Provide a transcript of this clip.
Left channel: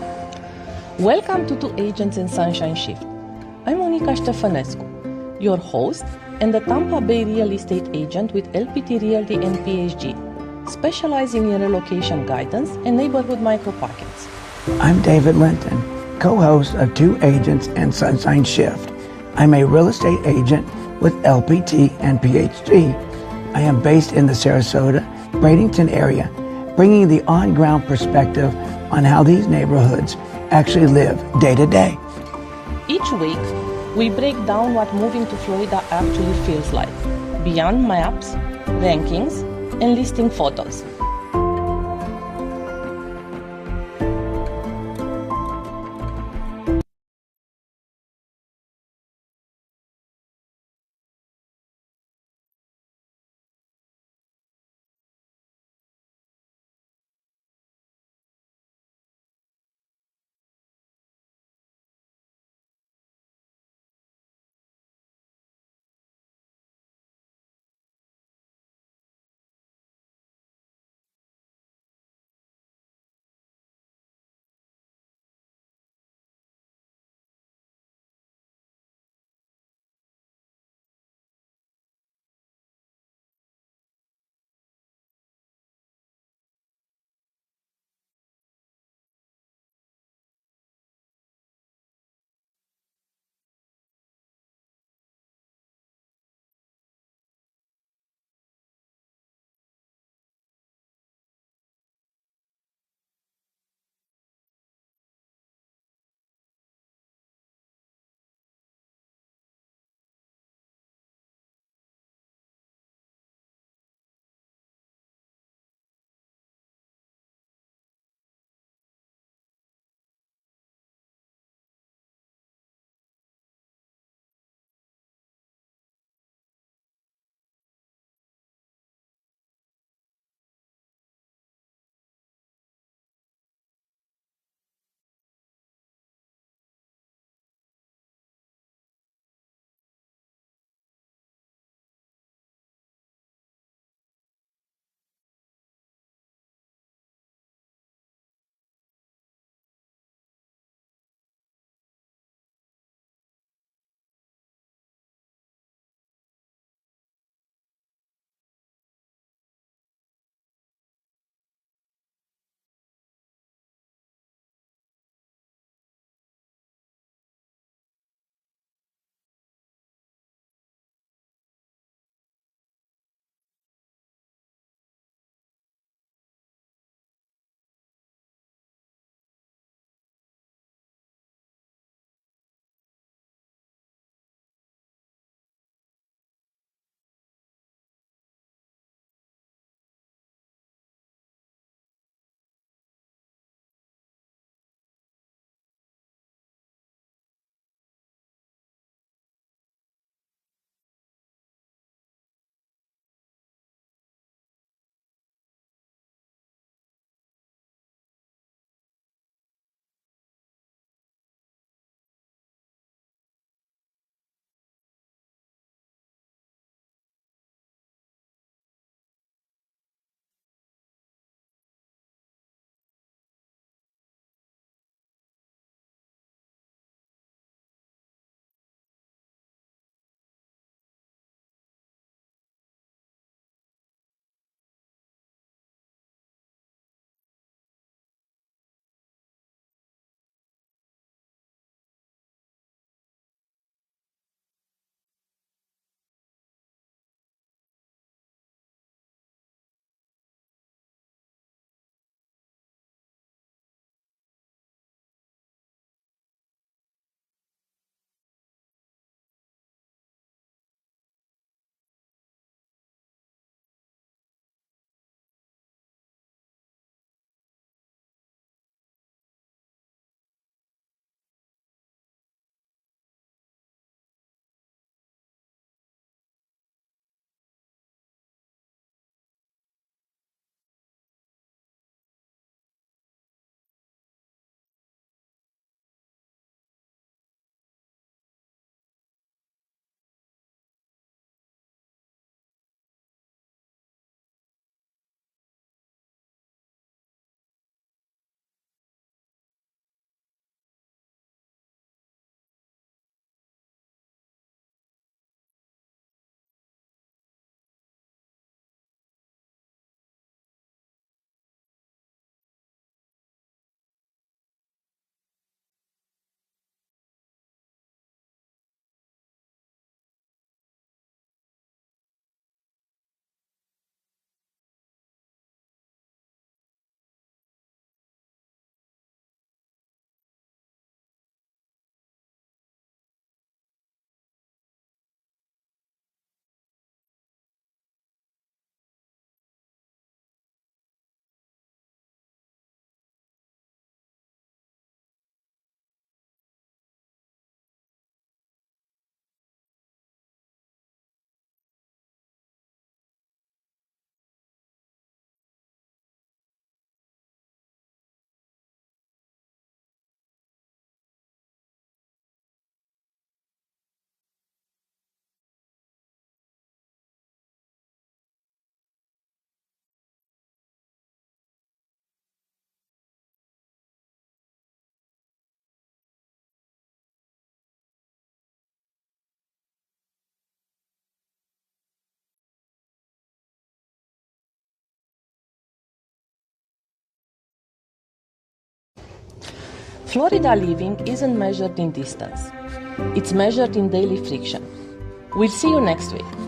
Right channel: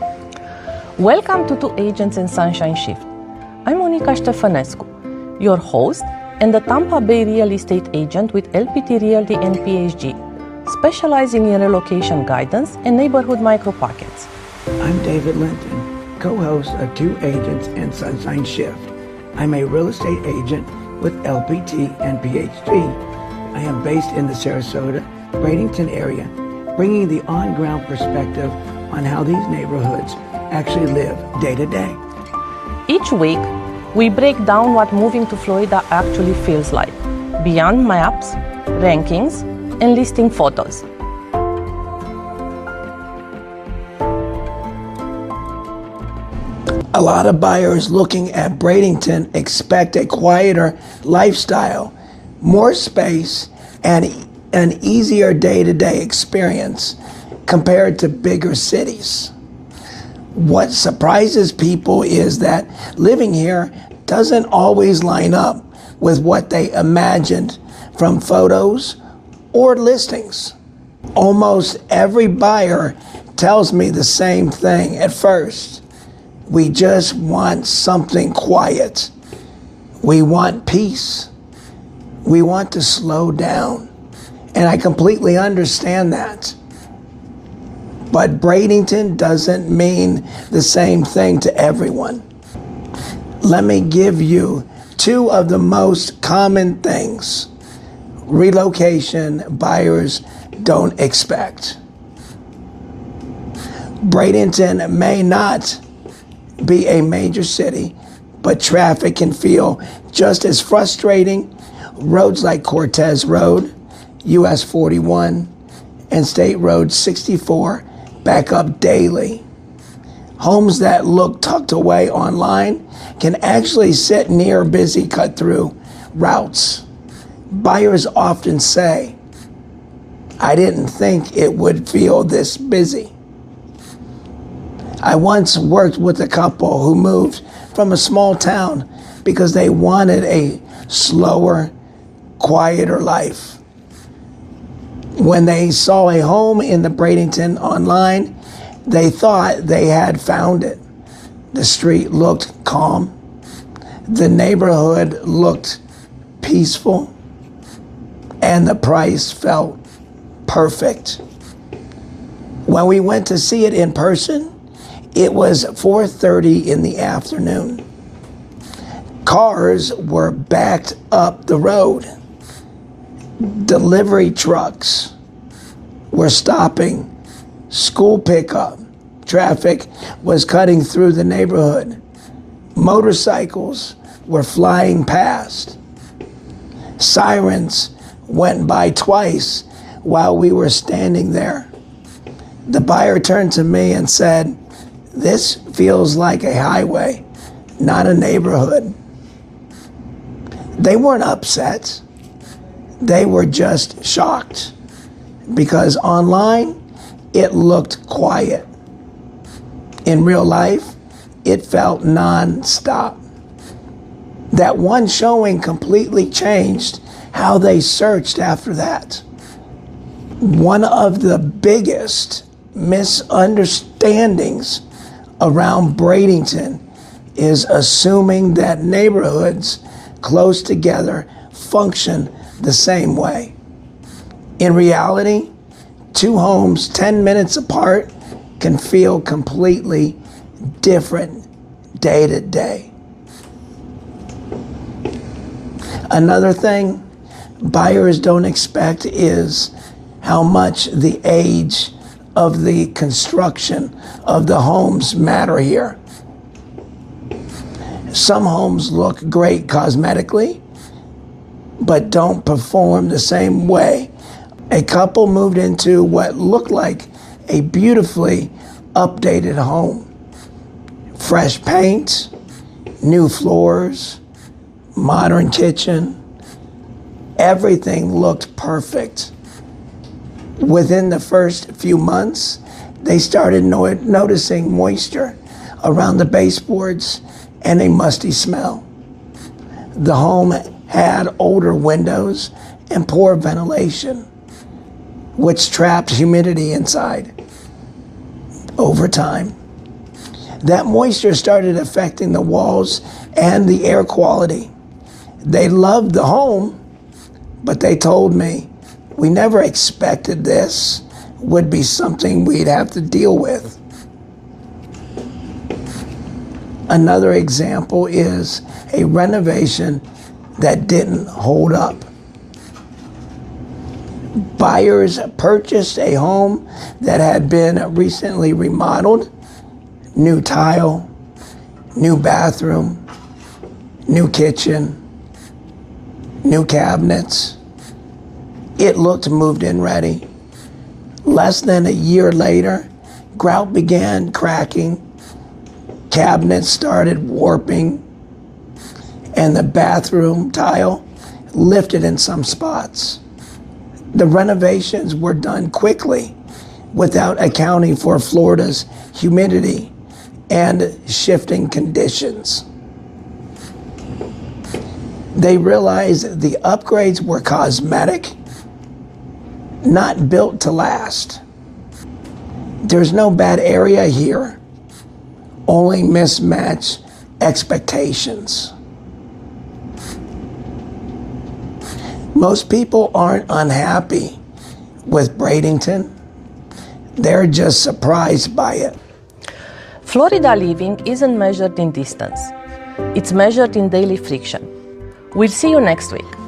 Welcome to Two Agents in Sunshine Shift. I'm Monica Stefanescu, your host and the Tampa Bay real estate agent with LPT Realty and PhD, specializing in relocation guidance and neighborhood micropockets. I'm David Linton, co-host of Two Agents and Sunshine Shift. I'm a real estate agent with LPT and PhD. I am based in the Sarasota, Bradenton area, bringing the on-ground perspective on how these neighborhoods actually live day to day. Each week, we break down what moving to Florida actually feels like, beyond maps, rankings, and listing photos. A lot of buyers looking at Bradenton expect a quieter lifestyle, more space, and an easier day-to-day experience compared to bigger cities. What surprises people is that living here doesn't always line up with what they imagined from photos or listings. Almost every buyer tells me the same thing at first. We just want something quiet. We want peace. We want to slow down. And I completely understand that. But Bradenton doesn't mean the same thing to everyone. Let me give you two of the most common things relocation buyers don't expect. Bradenton may not be a major city, but traffic can feel just as frustrating. Roads like Cortez Road, US 41, and State Road 64 back up daily. Homes that look tucked away online can actually sit near busy cut-through routes. Buyers often say, "I didn't think it would feel this busy." I once worked with a couple who moved from a small town because they wanted a slower, quieter life. When they saw a home in the Bradenton online, they thought they had found it. The street looked calm. The neighborhood looked peaceful. And the price felt perfect. When we went to see it in person, it was 4:30 in the afternoon. Cars were backed up the road. Delivery trucks were stopping. School pickup traffic was cutting through the neighborhood. Motorcycles were flying past. Sirens went by twice while we were standing there. The buyer turned to me and said, "This feels like a highway, not a neighborhood." They weren't upset. They were just shocked because online it looked quiet. In real life, it felt non-stop. That one showing completely changed how they searched after that. One of the biggest misunderstandings around Bradenton is assuming that neighborhoods close together function the same way. In reality, two homes 10 minutes apart can feel completely different day to day. Another thing buyers don't expect is how much the age of the construction of the homes matter here. Some homes look great cosmetically, but don't perform the same way. A couple moved into what looked like a beautifully updated home. Fresh paint, new floors, modern kitchen. Everything looked perfect. Within the first few months, they started noticing moisture around the baseboards and a musty smell. The home had older windows and poor ventilation, which trapped humidity inside. Over time, That moisture started affecting the walls and the air quality. They loved the home, but they told me, we never expected this would be something we'd have to deal with. Another example is a renovation that didn't hold up. Buyers purchased a home that had been recently remodeled, new tile, new bathroom, new kitchen, new cabinets. It looked moved in ready. Less than a year later, grout began cracking, cabinets started warping, and the bathroom tile lifted in some spots. The renovations were done quickly without accounting for Florida's humidity and shifting conditions. They realized the upgrades were cosmetic, not built to last. There's no bad area here, only mismatched expectations. Most people aren't unhappy with Bradenton. They're just surprised by it. Florida living isn't measured in distance. It's measured in daily friction. We'll see you next week.